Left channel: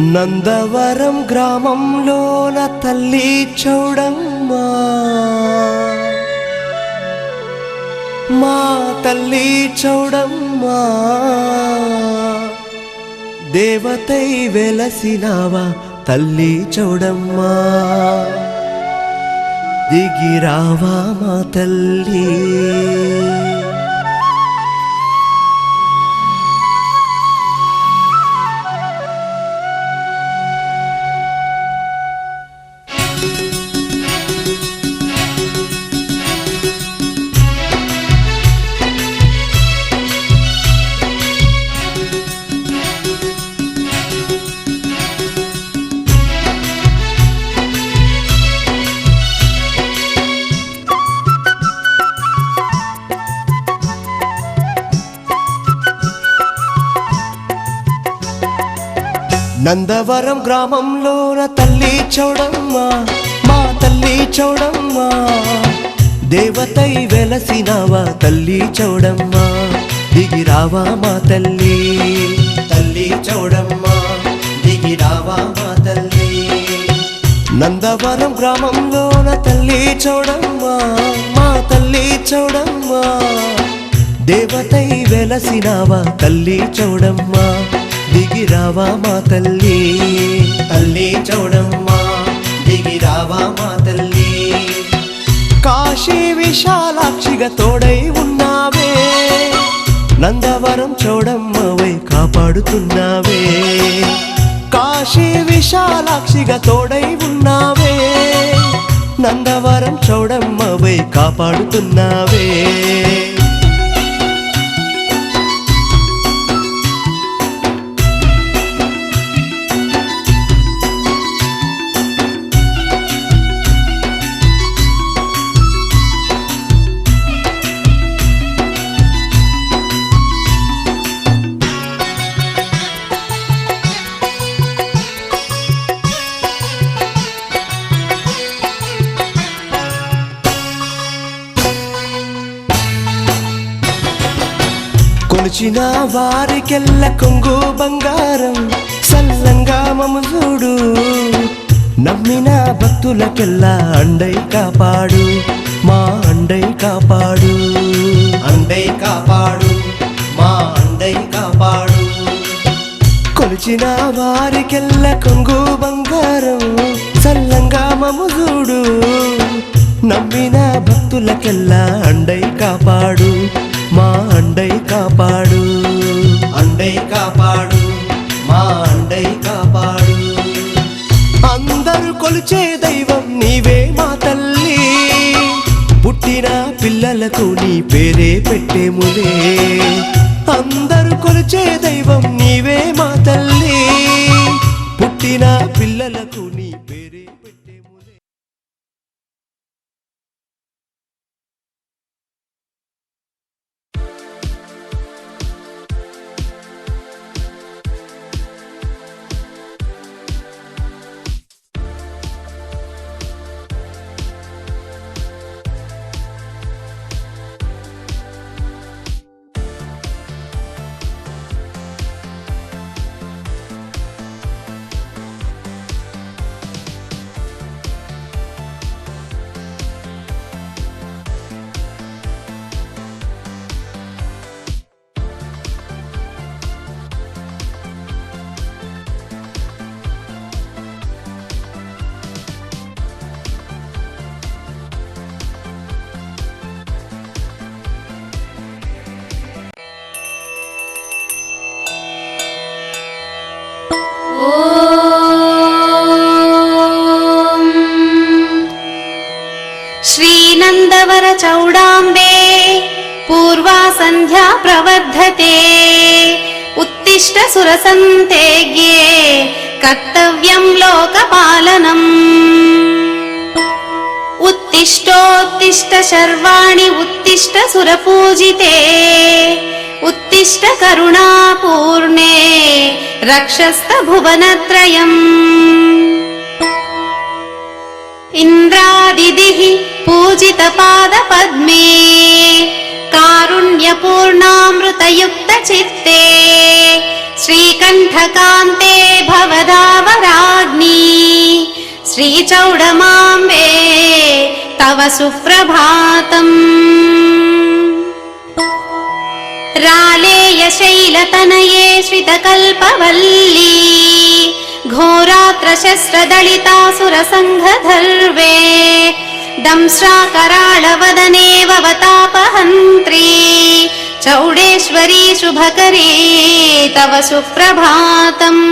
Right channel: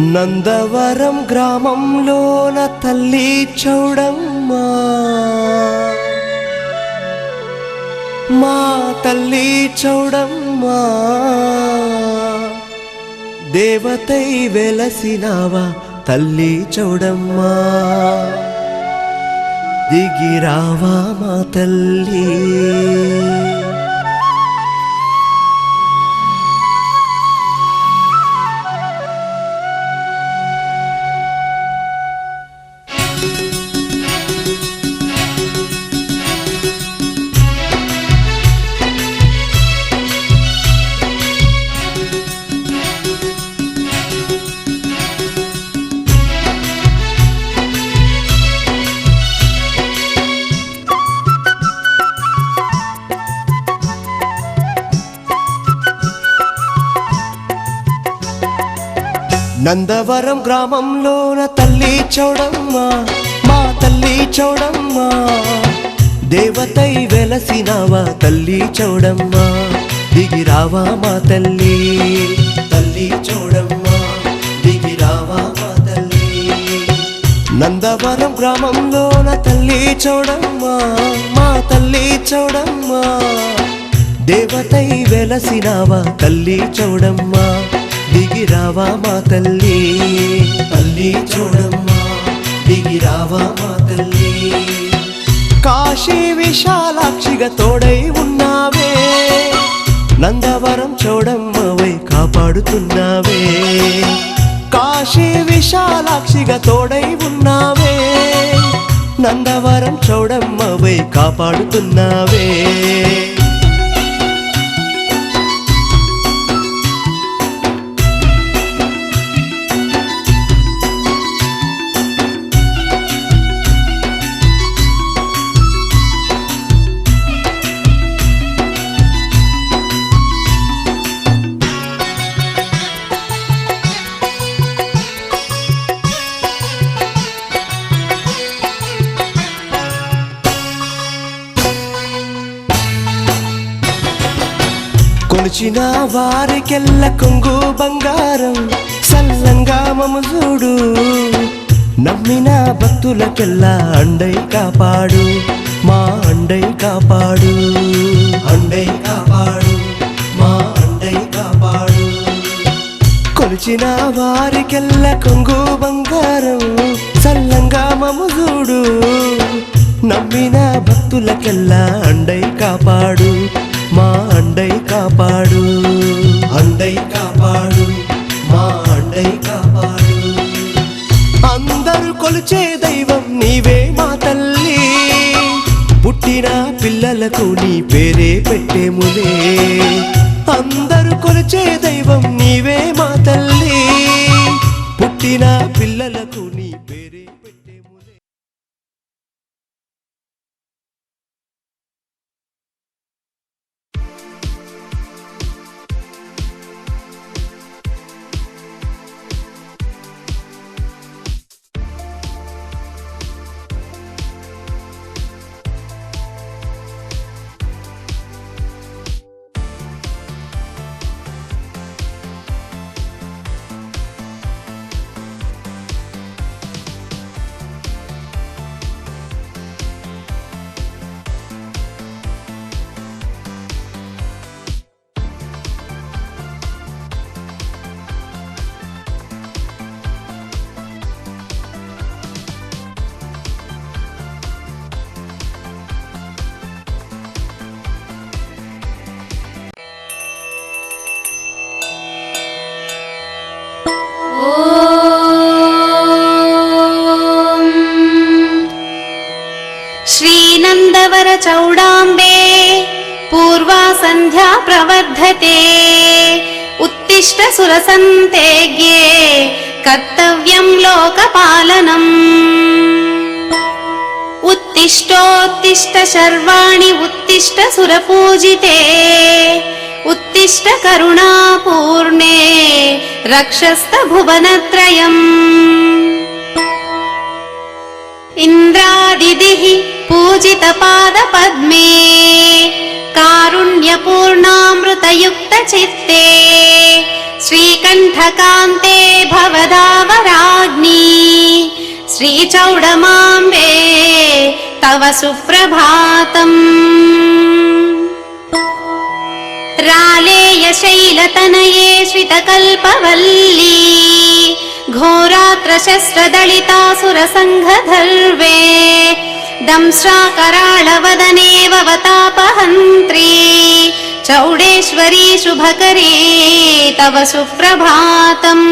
నందవరం గ్రామంలోన తల్లి చౌడమ్మ, మా తల్లి చౌడమ్మ, దేవతై వెలసినావా తల్లి చౌడమ్మ, దిగిరావా మా తల్లి. నందవరం గ్రామంలోన తల్లి చౌడమ్మ, మా తల్లి చౌడమ్మ, దేవతై వెలసినావా తల్లి చౌడమ్మ, దిగిరావా మా తల్లి. తల్లి చౌడమ్మ, దిగిరావా మా తల్లి. నందవరం గ్రామంలోన తల్లి చౌడమ్మ, మా తల్లి చౌడమ్మ, దేవతై వెలసినావా తల్లి చౌడమ్మ, దిగిరావా మా తల్లి. తల్లి చౌడమ్మ, దిగిరావా మా తల్లి. కాశీ విశాలాక్షిగా తోడై ఉన్నావే, నందవరం చౌడమ్మవై కాపాడుతున్నావే. కాశీ విశాలాక్షిగా తోడై ఉన్నావే, నందవరం చౌడమ్మవై కాపాడుతున్నావే. కొలిచిన వారికెల్ల కొంగు బంగారం, సల్లంగా మము చూడు, నమ్మిన భక్తులకెల్లా అండై కాపాడు, మా అండై కాపాడు. అండై కాపాడు, మా అండై కాపాడు. కొలిచిన వారికెల్ల కొంగు బంగారం, సల్లంగా మము చూడు, నమ్మిన భక్తులకెల్లా అండై కాపాడు, మా అండై కాపాడు. అండై కాపాడు, మా అండై కాపాడు. అందరూ కొలిచే దైవం నీవే మా తల్లి, పుట్టిన పిల్లలకు నీ పేరే పెట్టేములే. అందరూ కొలిచే దైవం నీవే మా తల్లి, పుట్టిన పిల్లలకు నీ పేరే పెట్టేములే. श्रीनन्दवर चौडाम्बे पूर्वा सन्ध्या प्रवर्धते, उत्तिष्ठ सुरसन्तेज्ञे कर्तव्यं लोकपालनम्. उत्तिष्ठोत्तिष्ठ शर्वाणि उत्तिष्ठ सुरपूजिते, उत्तिष्ठ करुणापूर्णे रक्षस्त भुवनत्रयम्. इंद्रादिदिः पूजित पाद पद्मे, कारुण्यपूर्णामृतयुक्त चित्ते, श्रीकण्ठकान्ते भवदावराग्नि श्रीचौडमाम्बे तव सुप्रभातम् रालेयशैलतनये श्रितकल्पवल्ली घोरात्रशस्त्रदलितासुरसङ्घधर्वे दंश्राकराळवदने भवतापहन्त्री चौडेश्वरी शुभकरे तव सुप्रभातम्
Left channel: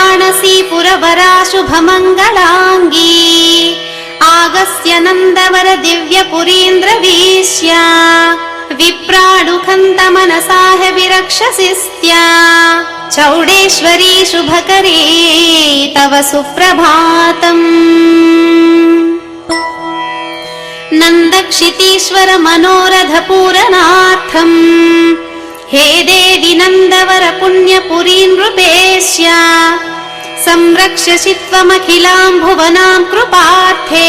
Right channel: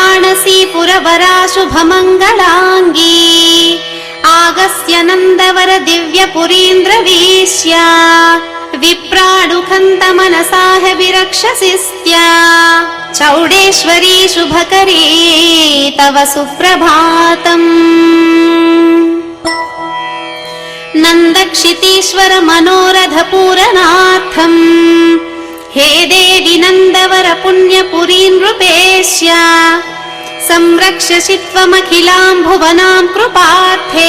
वाराणसीपुरवरा शुभमङ्गलाङ्गी आगस्य नन्दवर दिव्यपुरीन्द्रवीश्या विप्राणुखन्तमनसाह विरक्षसिस्त्या चौडेश्वरी शुभकरे तव सुप्रभातम् नन्दक्षितीश्वर मनोरथ पूरनाथम् हे देवि नन्दवर पुण्यपुरीं नृपेश्या संरक्षसि त्वमखिलां भुवनां कृपार्थे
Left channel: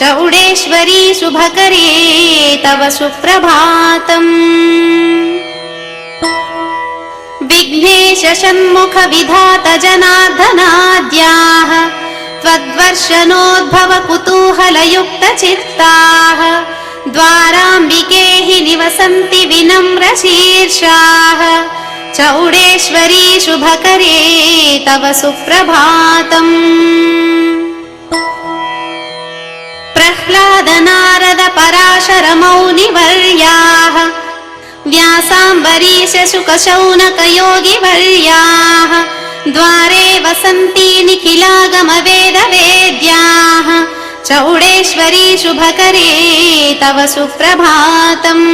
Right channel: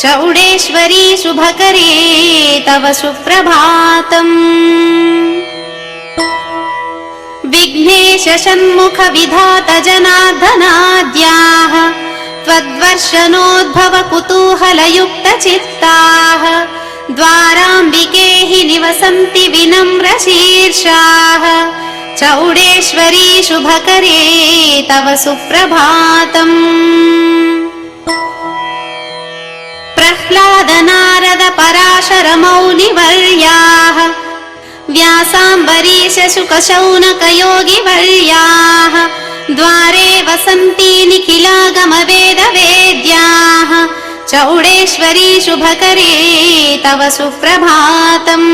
चौडेश्वरी शुभकरे तव सुप्रभातम् विघ्नेश षण्मुख विधात जनार्दनाद्याः त्वद्वर्षणोद्भव कुतूहलयुक्त चित्ताः द्वाराम्बिके हि निवसन्ति विनम्रशीर्षाः चौडेश्वरी शुभकरे तव सुप्रभातम् प्रह्लाद नारद पराशर मौनिवर्याः व्यासाम्बरीश शुक शौनक योगिवर्याः द्वारे वसन्ति निखिलागम वेद वेद्याः चौडेश्वरी शुभकरे तव सुप्रभातम्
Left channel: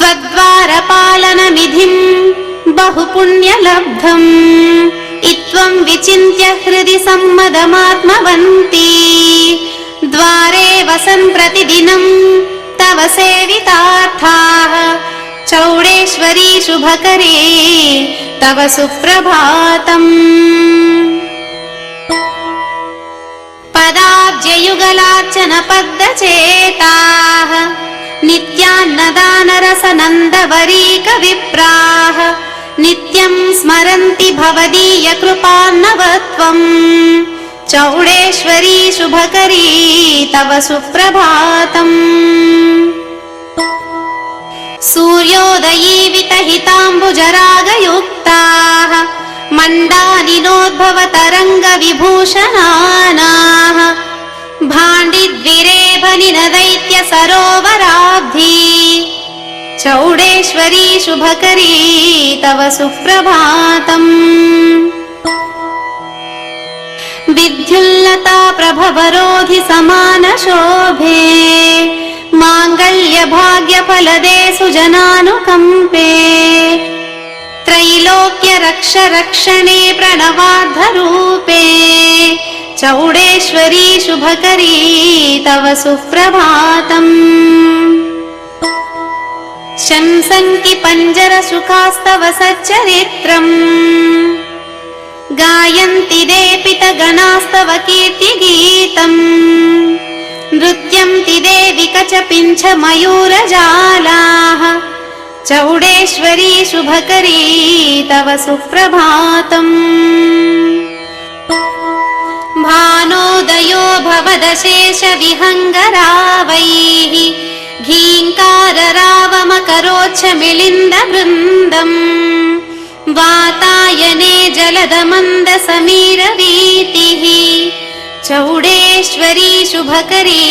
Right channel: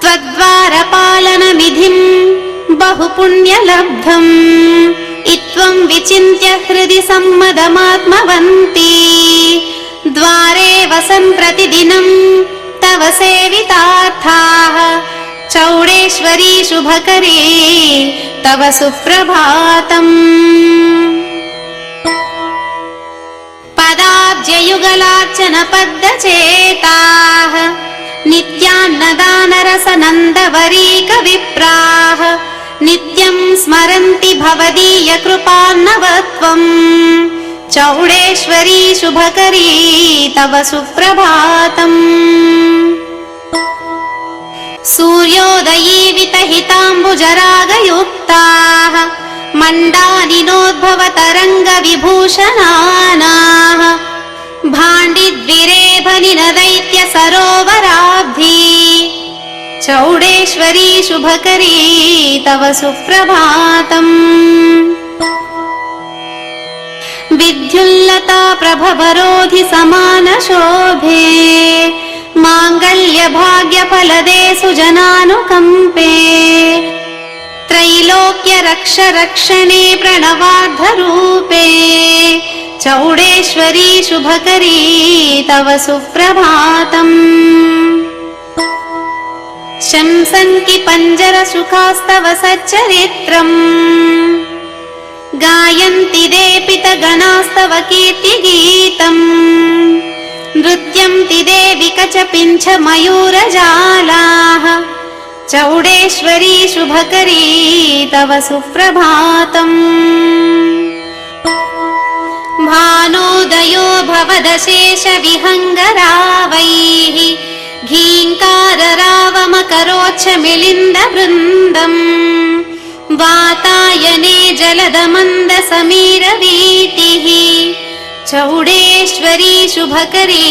त्वद्वारपालनविधिं बहुपुण्यलब्धम् इत्त्वं विचिन्त्य हृदि सम्मदमात्मवन्ती द्वारे वसन् प्रतिदिनं तव सेवितार्थाः चौडेश्वरी शुभकरे तव सुप्रभातम् पदाब्जयुगलार्चन पद्मचेताः नित्यान्नदानरसनन्दवरीक विप्राः नित्यं स्मरन्ति भवदीय कृपान्नवत्वम् चौडेश्वरी शुभकरी तव सुप्रभातम् सूर्योदयीवितहिताम्बुजरागयुक्ताः मण्डानिनोद्भव तरङ्ग विभूषणानाः भाण्डिद्विरेभनिनदैत्य सरोवराब्धी चौडेश्वरी शुभकरी तव सुप्रभातम् विद्युल्लता प्रभवरोधि समान शोभे माङ्गल्य भाग्य फलदे सुजनानुकम्पे त्रैलोक्य रक्ष रक्षणे प्रणवार्धरूपे चौडेश्वरी शुभकरी तव सुप्रभातम् शंसन्ति पञ्जरसुखास्तव सच्चरित्रम् गायन्ति देपितगणास्तव कीर्तिगीतम् नृत्यन्ति देवि कचपिञ्च मयूरजालाः चौडेश्वरी शुभकरी तव सुप्रभातम् भानोदयो भवदशेष विहङ्गरावैः घीङ्काररावमकरोच्च मिलिन्द वृन्दम् वातायने जलदमन्द समीरवीतिः चौडेश्वरी शुभकरी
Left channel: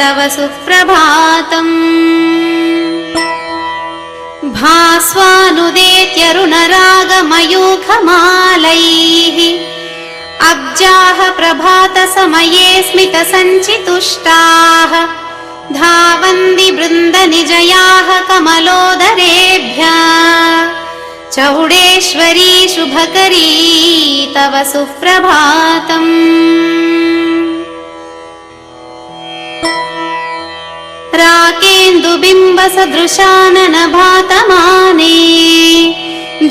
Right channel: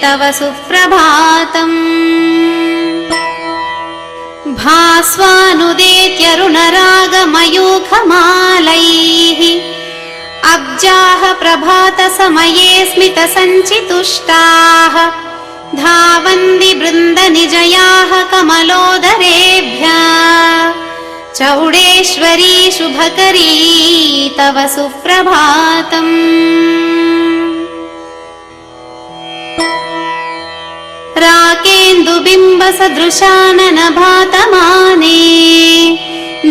तव सुप्रभातम् भास्वानुदेत्यरुणरागमयूखमालैः अब्जाः प्रभातसमये स्मितसञ्चितुष्टाः धावन्ति वृन्दनिजयाः कमलोदरेभ्यः चौडेश्वरी शुभकरी तव सुप्रभातम् राकेन्दुबिम्बसदृशाननभातमाने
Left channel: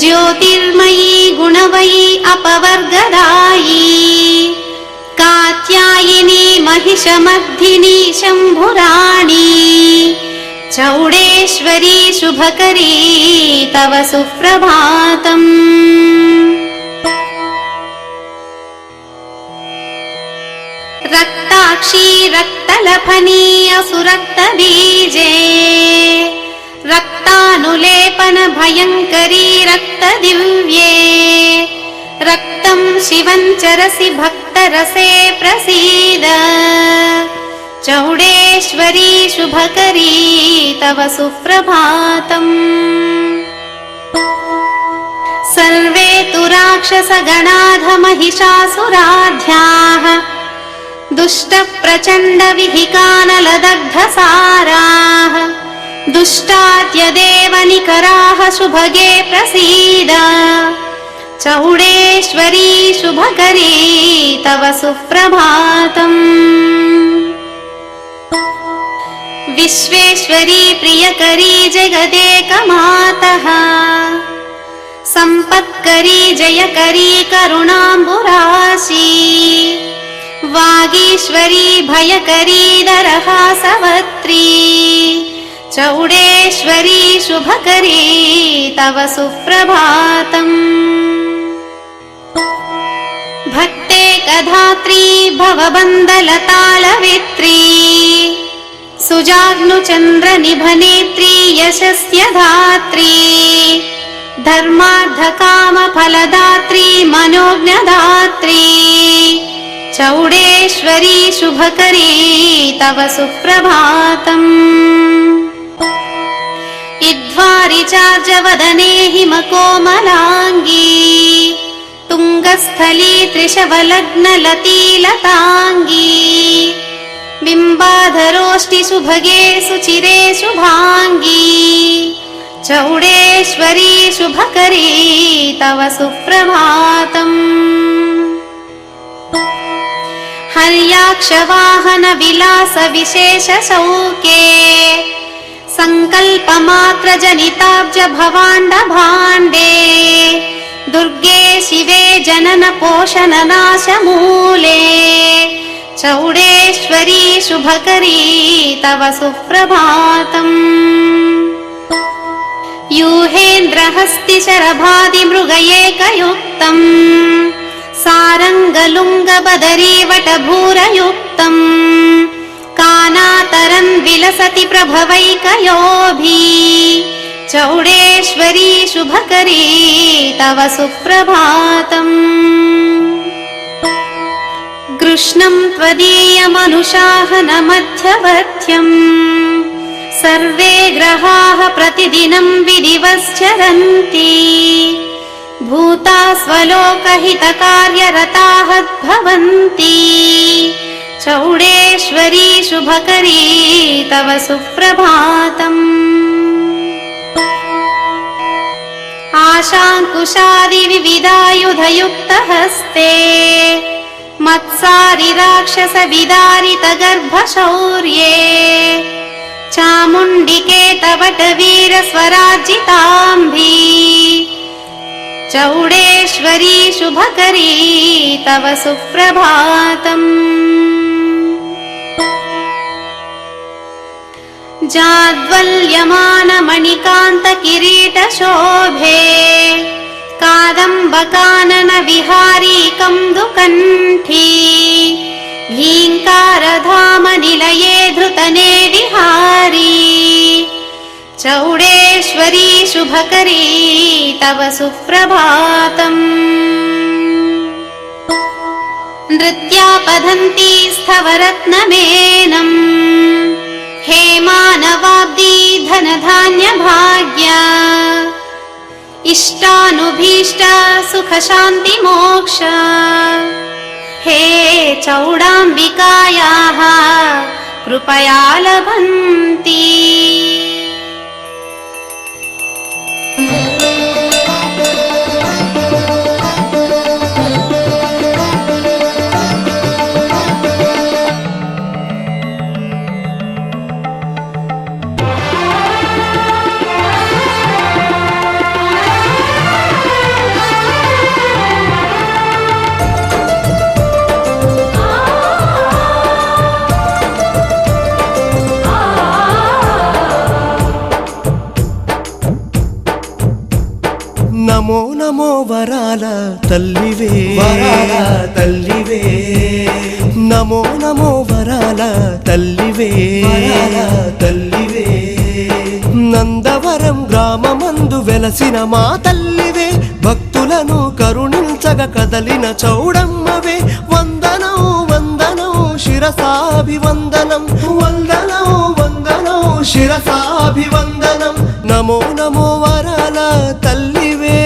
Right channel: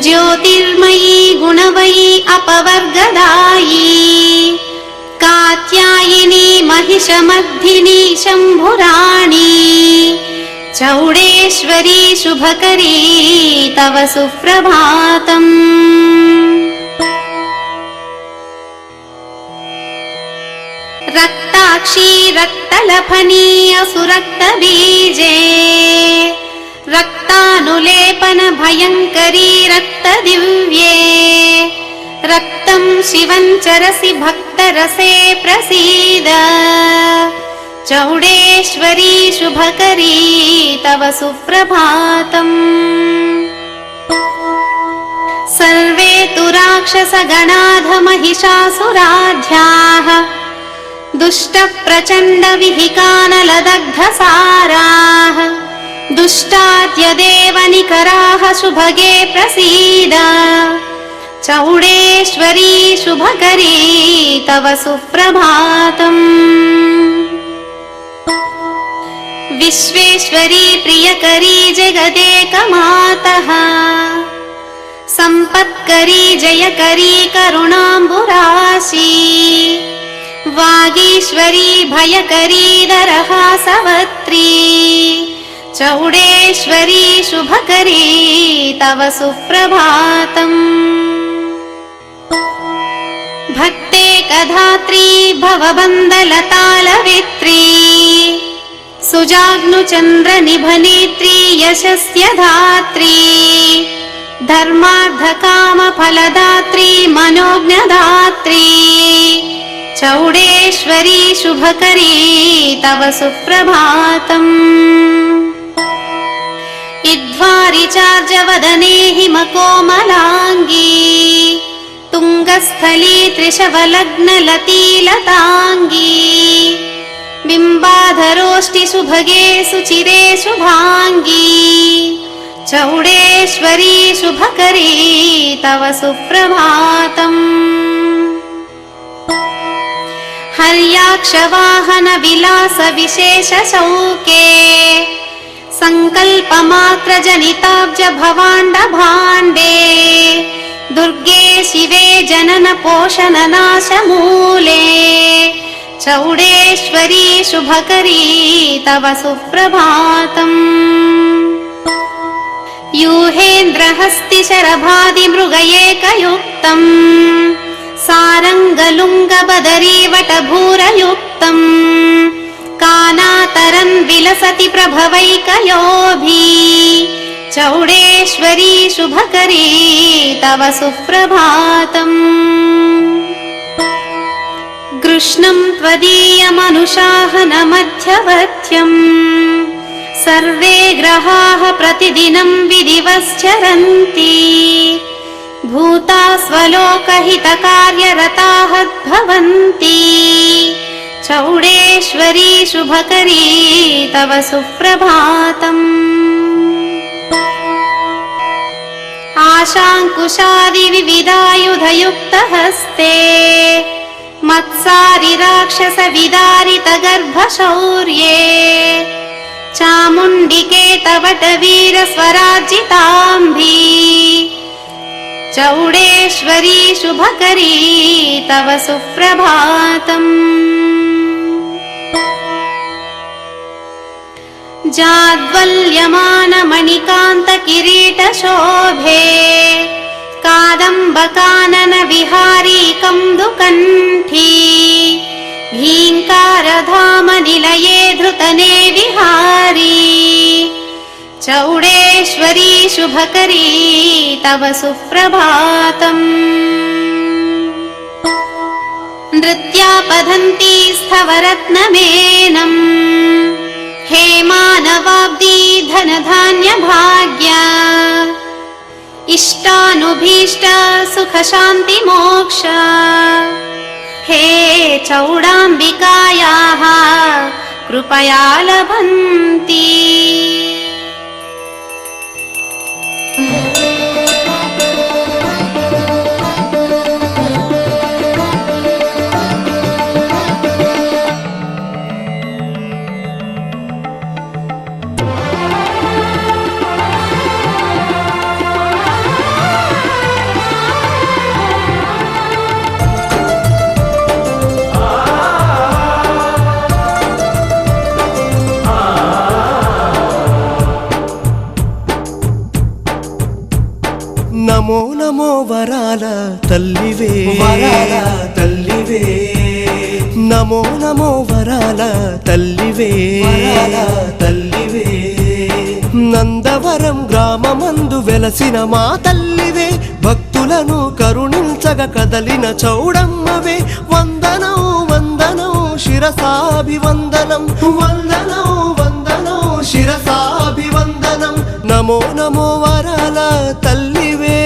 ज्योतिर्मयी गुणमयी अपवर्गदायी कात्यायनी कात्यायिनी महिषमर्दिनी शम्भुराणी चौडेश्वरी शुभकरी तव सुप्रभातम्। रक्ताक्षी रक्तलभनीय सुरक्तबीजे रक्तानुलेपन भयङ्करी रक्तदिव्ये रक्तं शिवं चरसि भक्तरसे प्रसीद चौडेश्वरी शुभकरी तव सुप्रभातम्। सर्वे तु राक्षसगणाधमहिषासुराध्याः दुष्टप्रचण्डविधिकानलदग्धसाराः दुष्टाद्यदेव निकराः शुभगे प्रसीद चौडेश्वरी शुभकरी तव सुप्रभातम्। विश्वेश्वरी प्रियकरी जगदेकमातः सम्पत्करी जयकरी करुणाम्बुराशी वागीश्वरी भयकरी दरहासवत्री चौडेश्वरी शुभकरी तव सुप्रभातम्। भक्तेकधात्री भवबन्धलतालवित्री सुजाग्नुचन्द्रनिभनेत्री यशस्य धात्री धर्मार्थकामफलदात्री मनोज्ञदात्री चौडेश्वरी शुभकरी तव सुप्रभातम्। इद्वारिचार्जवदने हिमकोमलाङ्गी तुङ्गस्थली त्रिशवलग्नलतीलताङ्गी बिम्बाधरोष्टि शुभगे सुचिरे शुभाङ्गी चौडेश्वरी शुभकरी तव सुप्रभातम्। हर्याक्षवाहन विलास विशेष शौके सङ्कल्पमात्रजनिताब्ज भवाण्ड भाण्डे दुर्गे शिवे जनन पोषण नाशमूले चौडेश्वरी शुभकरी तव सुप्रभातम्। यूहेन्द्रहस्ति शरभादिमृगयेकयुक्तम् सारङ्गलुङ्गबदरी वटभूरयुक्तम् कानातरं विलसति प्रभवैकयोभी चौडेश्वरी शुभकरी तव सुप्रभातम्। कृष्णं त्वदीयमनुशासनमध्यवर्त्यम् सर्वे ग्रहाः प्रतिदिनं विधिवश्चरन्ति भूता स्वलोकहितकार्यरताः भवन्ति चौडेश्वरी शुभकरी तव सुप्रभातम्। आशाङ्कुशादिविविधायुधयुक्तहस्ते मत्सारि राक्षसविदारितगर्भशौर्ये चामुण्डिके तव वीरस्वराजिताम्भी चौडेश्वरी शुभकरी तव सुप्रभातम्। जाद्वल्यमानमणिकान्तकिरीटशोभे कादम्बकानन विहारी कन्दुकण्ठी भीङ्कारधामनिलये धृतने विहारी चौडेश्वरी शुभकरी तव सुप्रभातम्। नृत्यापधन्ती स्थवरत्नमेनम् हे मानवाब्दी धनधान्यभाग्य इष्टानुभीष्ट सुखशान्ति मोक्ष हे चौडाम्बिकायाः कृपया लभन्ति। నమో నమో వరాల తల్లివే తల్లివే నమో నమో వరాల తల్లివే తల్లివే నందవరం గ్రామమందు వెలసిన మా తల్లివే భక్తులను కరుణించగ కదలిన చౌడమ్మవే వందనం వందనం శిరసాభివందనం వందనం వందనం శిరసాభివందనం నమో నమో వరాల తల్లివే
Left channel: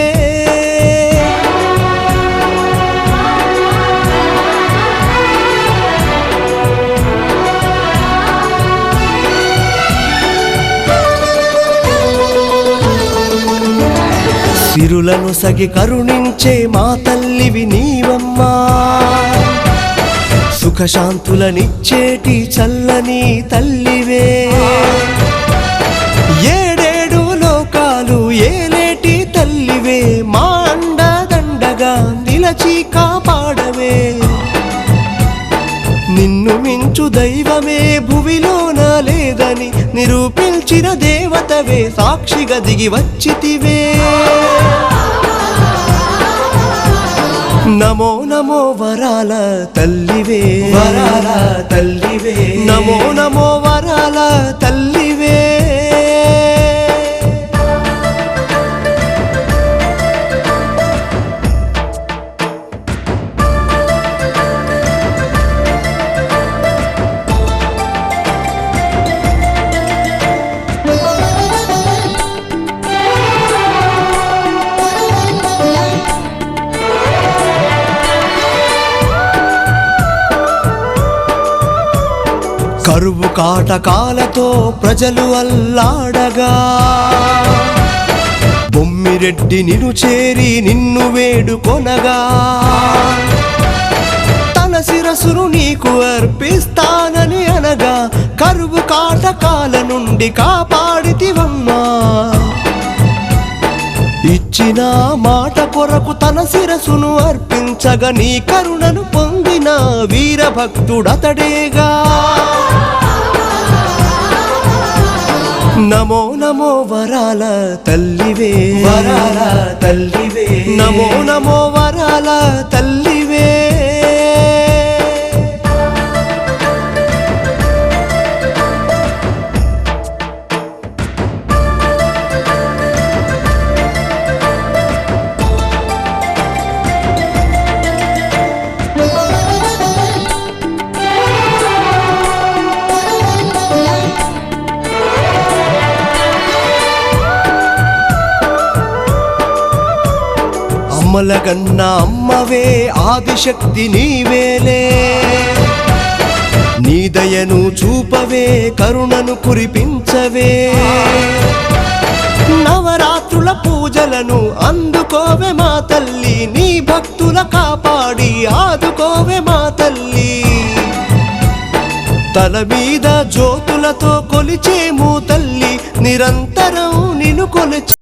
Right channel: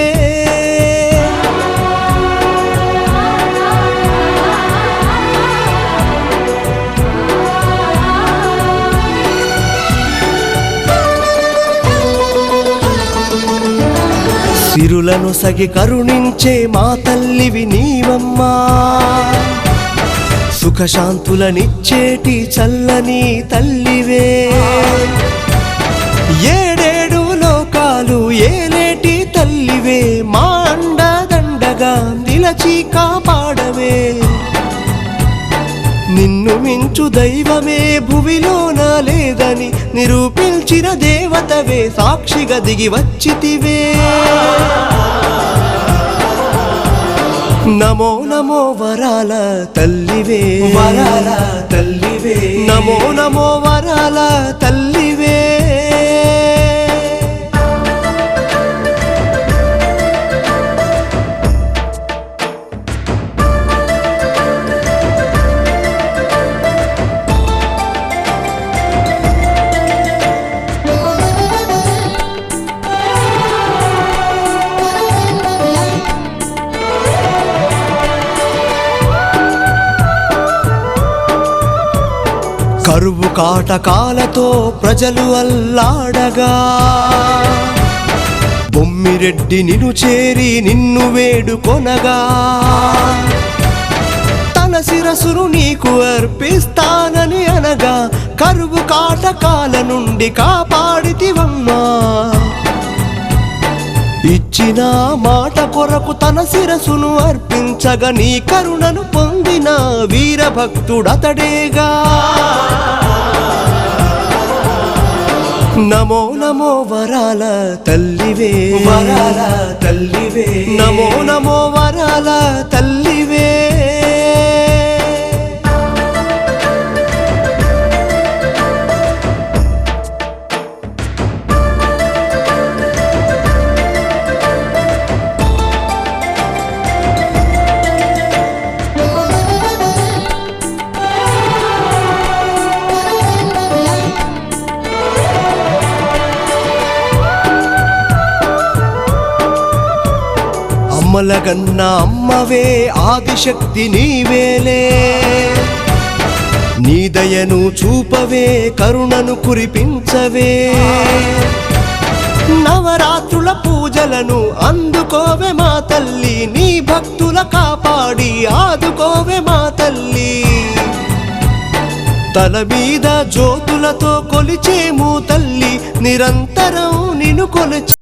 సిరులను సగి కరుణించే మా తల్లివి నీవమ్మా సుఖశాంతులనిచ్చేటి చల్లని తల్లివే ఏడేడు లోకాలు ఏలేటి తల్లివే మా అండదండగా నిలచి కాపాడవే నిన్ను మించు దైవమే భువిలోన లేదని నిరూపించిన దేవతవే సాక్షిగా దిగి వచ్చితివే నమో నమో వరాల తల్లివే తల్లివే నమో నమో వరాల తల్లివే కరువు కాటకాలతో ప్రజలు అల్లాడగా బొమ్మిరెడ్డి నిన్ను చేరి నిన్ను వేడుకొనగా తన శిరసును నీకు అర్పిస్తానని అనగా కరువు కాటకాల నుండి కాపాడితివమ్మా ఇచ్చిన మాట కొరకు తన శిరసును అర్పించగా నీ కరుణను పొందిన వీరభక్తుడతడేగా నమో నమో వరాల తల్లివే తల్లివే నమో నమో వరాల తల్లివే అమ్మల కన్నా అమ్మవే ఆదిశక్తి నీవేలే నీ దయను చూపవే కరుణను కురిపించవే నవరాత్రుల పూజలను అందుకోవే మా తల్లి నీ భక్తుల కాపాడి ఆదుకోవే మా తల్లి తల మీద జ్యోతులతో కొలిచేము తల్లి నిరంతరం నిన్ను కొలిచి